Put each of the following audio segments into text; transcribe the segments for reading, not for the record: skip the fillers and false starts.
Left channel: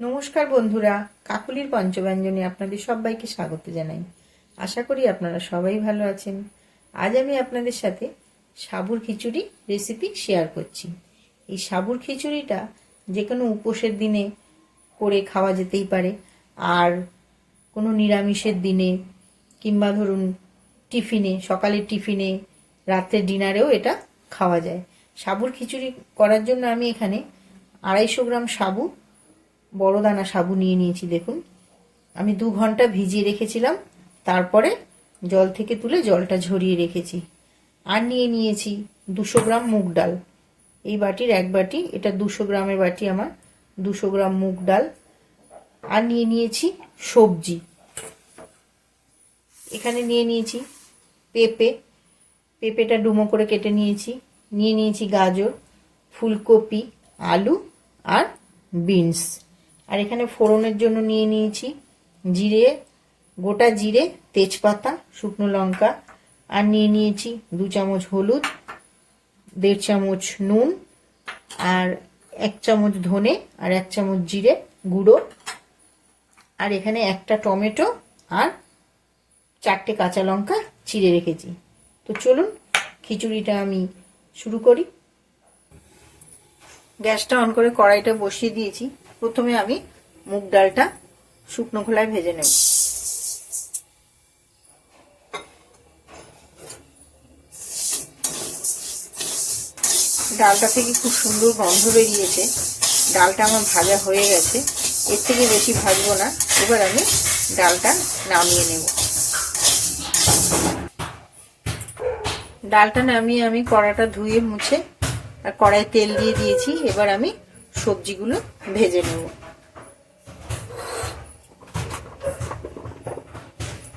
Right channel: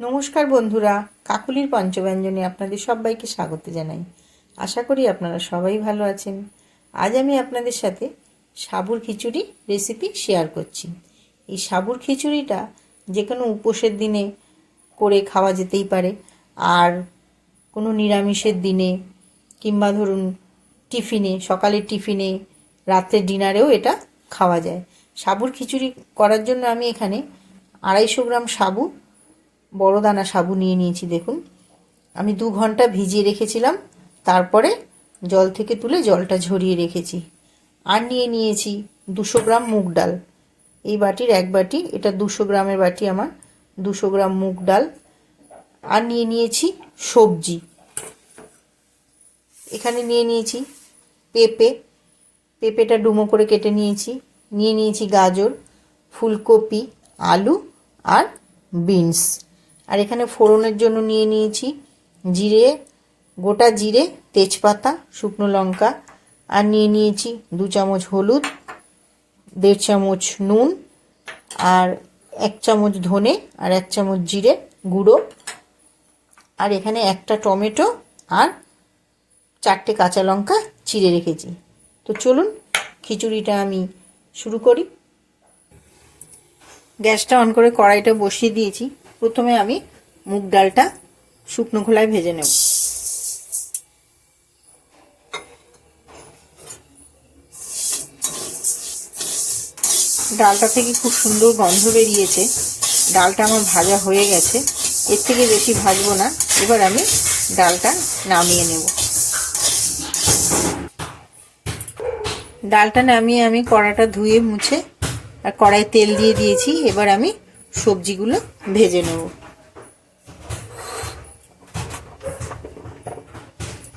নমস্কার বন্ধুরা, কাকুলির পঞ্চব্যঞ্জনে আপনাদের সবাইকে স্বাগত জানাই। আশা করি আপনারা সবাই ভালো আছেন। আজ আমি আপনাদের সাথে সাবুর খিচুড়ি রেসিপি শেয়ার করছি। এই সাবুর খিচুড়িটা যে কোনো উপোসের দিনে করে খাওয়া যেতেই পারে, আর কোনো নিরামিষের দিনে কিংবা ধরুন টিফিনে, সকালের টিফিনে, রাত্রের ডিনারেও এটা খাওয়া যায়। সাবুর খিচুড়ি করার জন্য আমি এখানে 250 গ্রাম সাবু, বড় দানা সাবু নিয়ে নিয়েছি। দেখুন, আমি 2 ঘন্টা ভিজিয়ে রেখেছিলাম, তারপরে জল থেকে তুলে জলটা ঝরিয়ে রেখেছি। আর নিয়ে নিয়েছি 200 গ্রাম মুগ ডাল। এই বাটির 1 বাটি, এটা 200 গ্রামের বাটি আমার, 200 গ্রাম মুগ ডাল। আর নিয়ে নিয়েছি সবজি, এখানে নিয়ে নিয়েছি পেঁপেটা ডুমো করে কেটে নিয়েছি। নিয়ে নিয়েছি গাজর, ফুলকপি, আলু আর বিনস। আর এখানে ফোড়নের জন্য নিয়ে নিয়েছি জিরে, গোটা জিরে, তেজপাতা, শুকনো লঙ্কা। আর নিয়ে নিয়েছি 2 চামচ হলুদ, 1.5 চামচ নুন, আর 1 চামচ ধনে, আর 1 চামচ জিরে গুঁড়ো। আর এখানে একটা টমেটো আর 4টে কাঁচা লঙ্কা চিড়ে রেখেছি। তো চলুন খিচুড়িটা আমি শুরু করি। গ্যাসটা অন করে কড়াইটা বসিয়ে দিয়েছি। প্রথমে আমি মুগ ডালটা শুকনো খোলায় ভেজে নেব। ডালটা থেকে খুব সুন্দর গন্ধ বেরিয়েছে। ডালটা আমার ভাজা হয়ে গেছে, এর থেকে বেশি ভাজবো না। এবার আমি ডালটা নামিয়ে নেব। ডালটা নামিয়ে আমি কড়াটা ধুয়ে মুছে আর কড়াই তেল দিয়ে দিয়েছি। এবার আমি সবজিগুলো ভেজে নেব।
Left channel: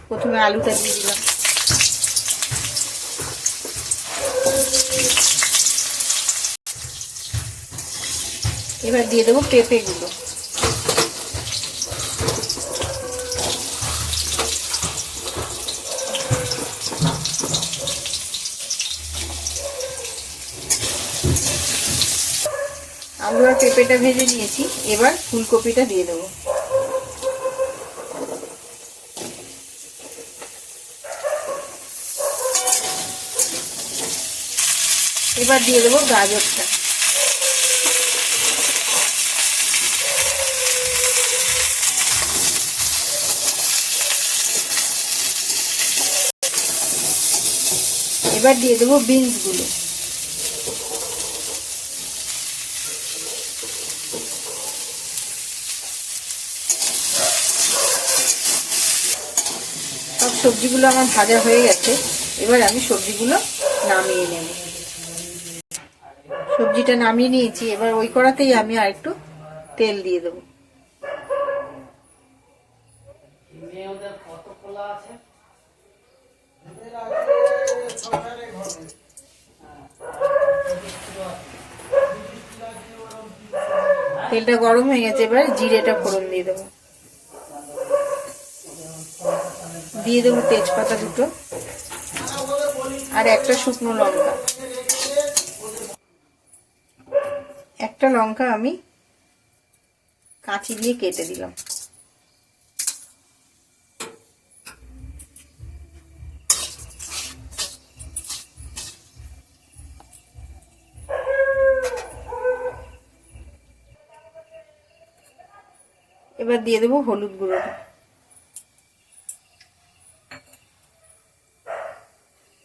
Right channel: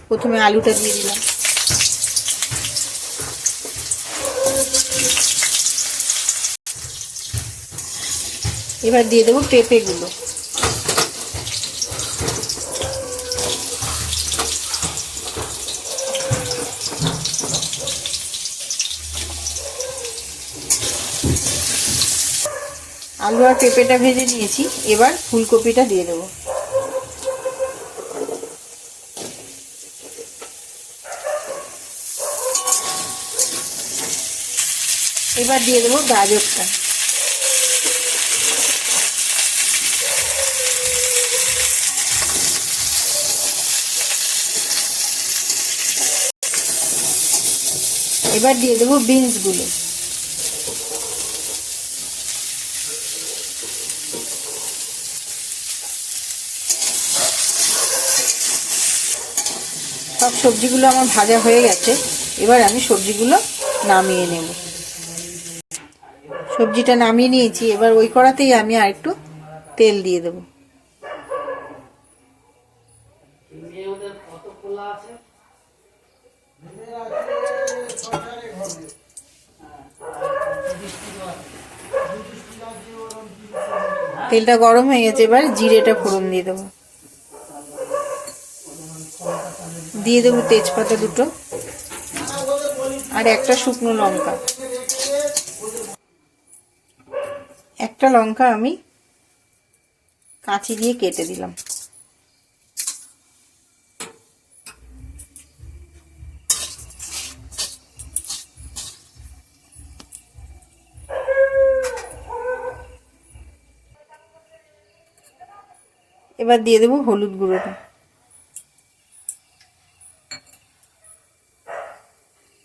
প্রথমে আলুটা দিয়ে দিলাম, এবার দিয়ে দেবো পেঁপেগুলো। আলু আর পেঁপেটা ভেজে নিয়েছি, এবার ফুলকপিটা দিয়ে দেবো। এবার দিয়ে দেবো গাজরটা। এবার দিয়ে দেবো বিনসগুলো। সব সবজিগুলো আমার ভাজা হয়ে গেছে, এবার আমি সবজিগুলো নামিয়ে নেব। সবজিটা নামিয়ে নিয়েছি, এবার ওই কড়াতেই আমি আর একটু তেল দিয়ে দেব। তেলটা গরম হয়ে গেছে, এবার জিরেটা ফোড়ন দিয়ে দেবো। দিয়ে দেবো তেজপাতা 2টো আর একটা শুকনো লঙ্কা। একটা লঙ্কা আমি কাঁচি দিয়ে কেটে দিলাম। এবার দিয়ে দেবো হলুদ গুঁড়োটা,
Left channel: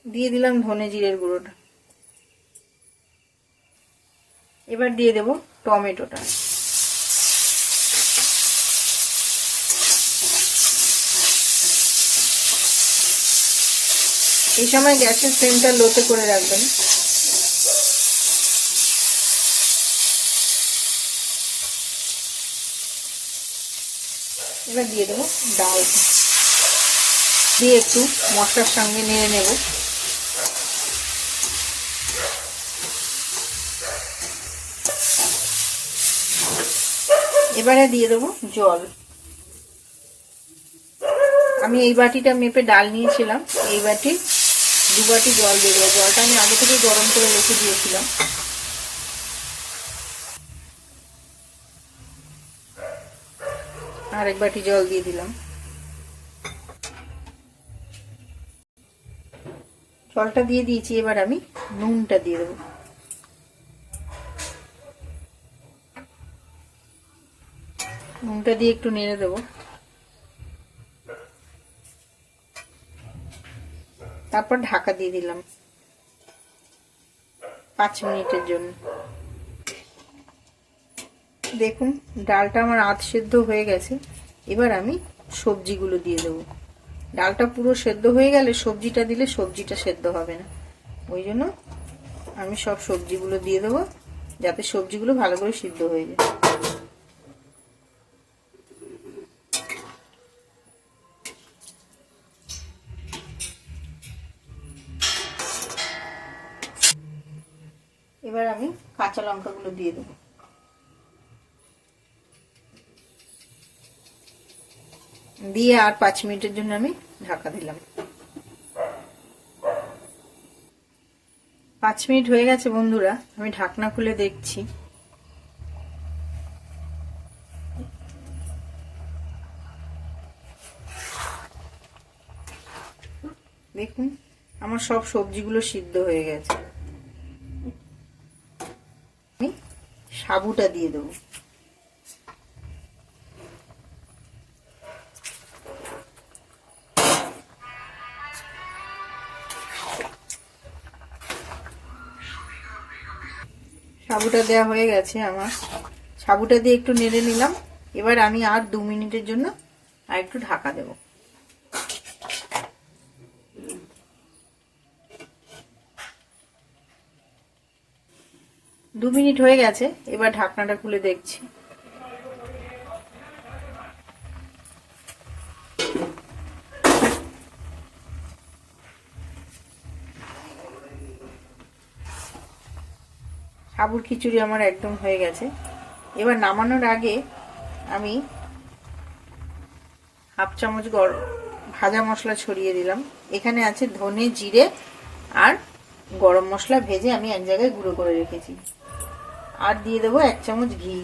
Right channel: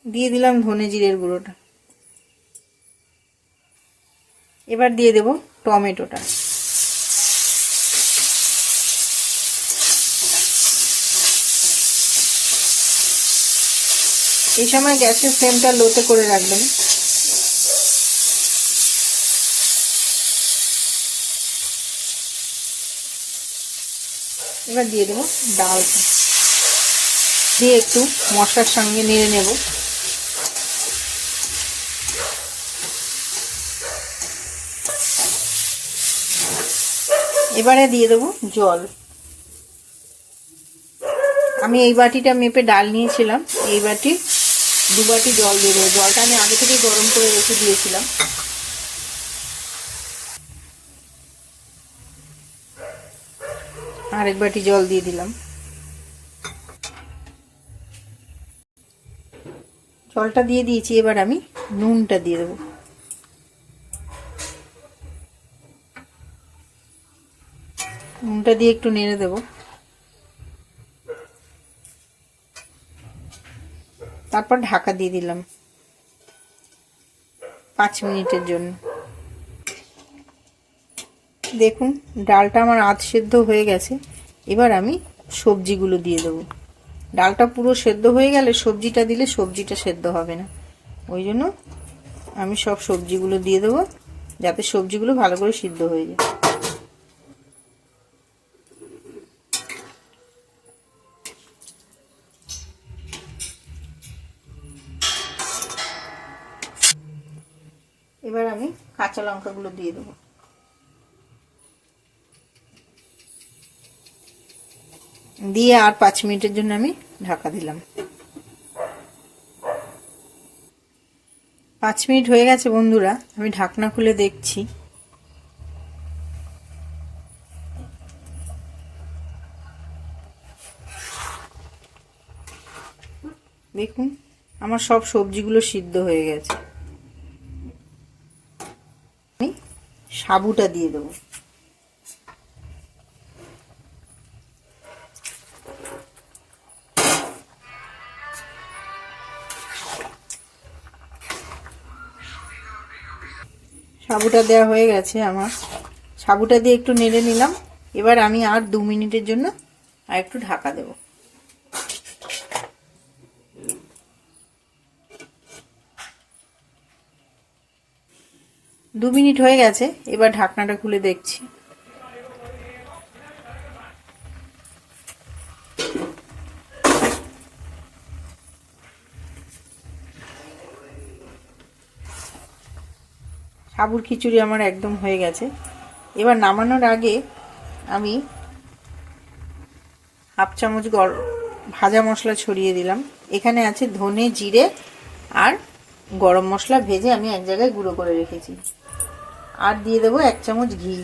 দিয়ে দিলাম ধনে জিরের গুঁড়োটা। এবার দিয়ে দেবো টমেটোটা। এই সময় গ্যাসের ফ্লেমটা লোতে করে রাখবেন। এবার দিয়ে দেবো ডালটা, দিয়ে একটু মশলার সঙ্গে নেড়ে নেব। এবারে দিয়ে দেবো জল। আমি এই বাটিটা মেপে ডাল নিয়েছিলাম, এই বাটি 2 বাটি জল দিয়ে দেবো। জলটা আমি আগে থেকে গরম করে রেখে দিয়েছিলাম। আর এক বাটি জল দিয়ে দিলাম। জলটা দিয়ে দিয়েছি, এবার আমি নুনটা দিয়ে দেবো। নুনটা দিয়ে একটু নেড়ে দেবো। তারপর ঢাকা দিয়ে দিলাম 5 মিনিটের জন্য। দেখুন ডালটা আমার আধ সেদ্ধ হয়ে গেছে। এবার আমি সবজিগুলো দিয়ে দেবো। ডালটা পুরো সেদ্ধ হয়ে গেলে সবজিটা দিলে সবজিটা সেদ্ধ হবে না, ওই জন্য আমি সব সবজিগুলো দিয়ে দেবো যাতে সবজিগুলো ভালো করে সিদ্ধ হয়ে যায়। এবার আমি কাঁচা লঙ্কাগুলো দিয়ে দেবো। দিয়ে আর 5 মিনিটের জন্য আমি ঢাকা দিলাম। 5 মিনিট হয়ে গেছে বন্ধুরা, আমি ঢাকনা খুলে দেখছি। দেখুন আমার সব সবজিগুলো সিদ্ধ হয়ে গেছে। আমি সাবুটা দিয়ে দেবো। সাবুটা দেওয়া হয়ে গেছে আমার। সাবুটা দিয়ে একটু নেড়ে নিলাম। এবার আমি আর 2 মিনিটের জন্য আর একটু ঢাকা দেব। দু মিনিট হয়ে গেছে, এবার ঢাকনাটা খুলে দেখছি। সাবুর খিচুড়ি আমার একদম হয়ে গেছে। এবার নামানোর আগে আমি হাফ চামচ ভাজা মশলা ছড়িয়ে দিলাম। এখানে আছে ধনে, জিরে আর গরম মশলা ভেজে আমি এক জায়গায় গুঁড়ো করে রেখেছি। আর দিয়ে দেবো 1 চামচ ঘি।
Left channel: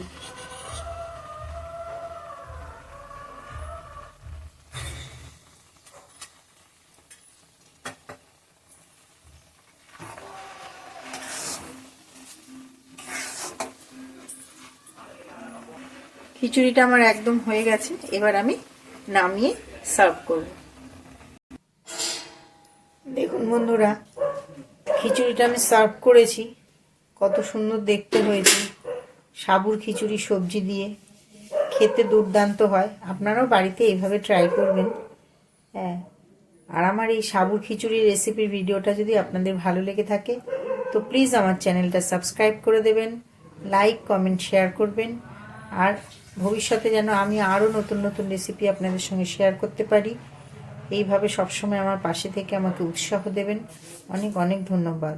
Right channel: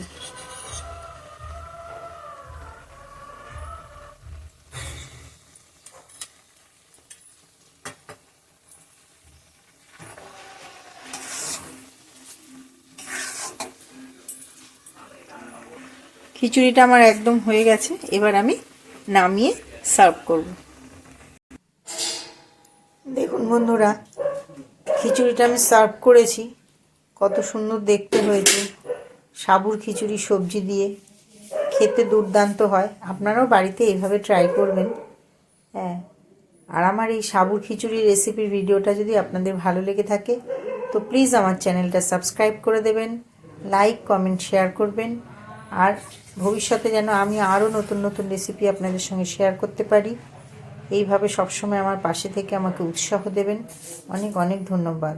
খিচুড়িটা আমার একদম হয়ে গেছে। এবার আমি নামিয়ে সার্ভ করব। দেখুন বন্ধুরা, খিচুড়িটা আমি সার্ভ করেছি। কত সুন্দর দেখতে হয়েছে। সাবুর খিচুড়ি সবজি দিয়ে খেতে দুর্দান্ত হয়। আপনারাও বাড়িতে এইভাবে ট্রাই করবেন। হ্যাঁ, আর আমার এই সাবুর খিচুড়ির রেসিপির ভিডিওটা যদি আপনাদের ভালো লেগে থাকে তো প্লিজ আমার চ্যানেলটা সাবস্ক্রাইব করে দেবেন, লাইক, কমেন্ট, শেয়ার করবেন। আর ভবিষ্যতে যেন আমি আরও নতুন নতুন রেসিপি আপনাদের সঙ্গে শেয়ার করতে পারি, এইভাবে সবসময় আমার পাশে থেকে আমাকে উৎসাহ দেবেন। অনেক অনেক ধন্যবাদ।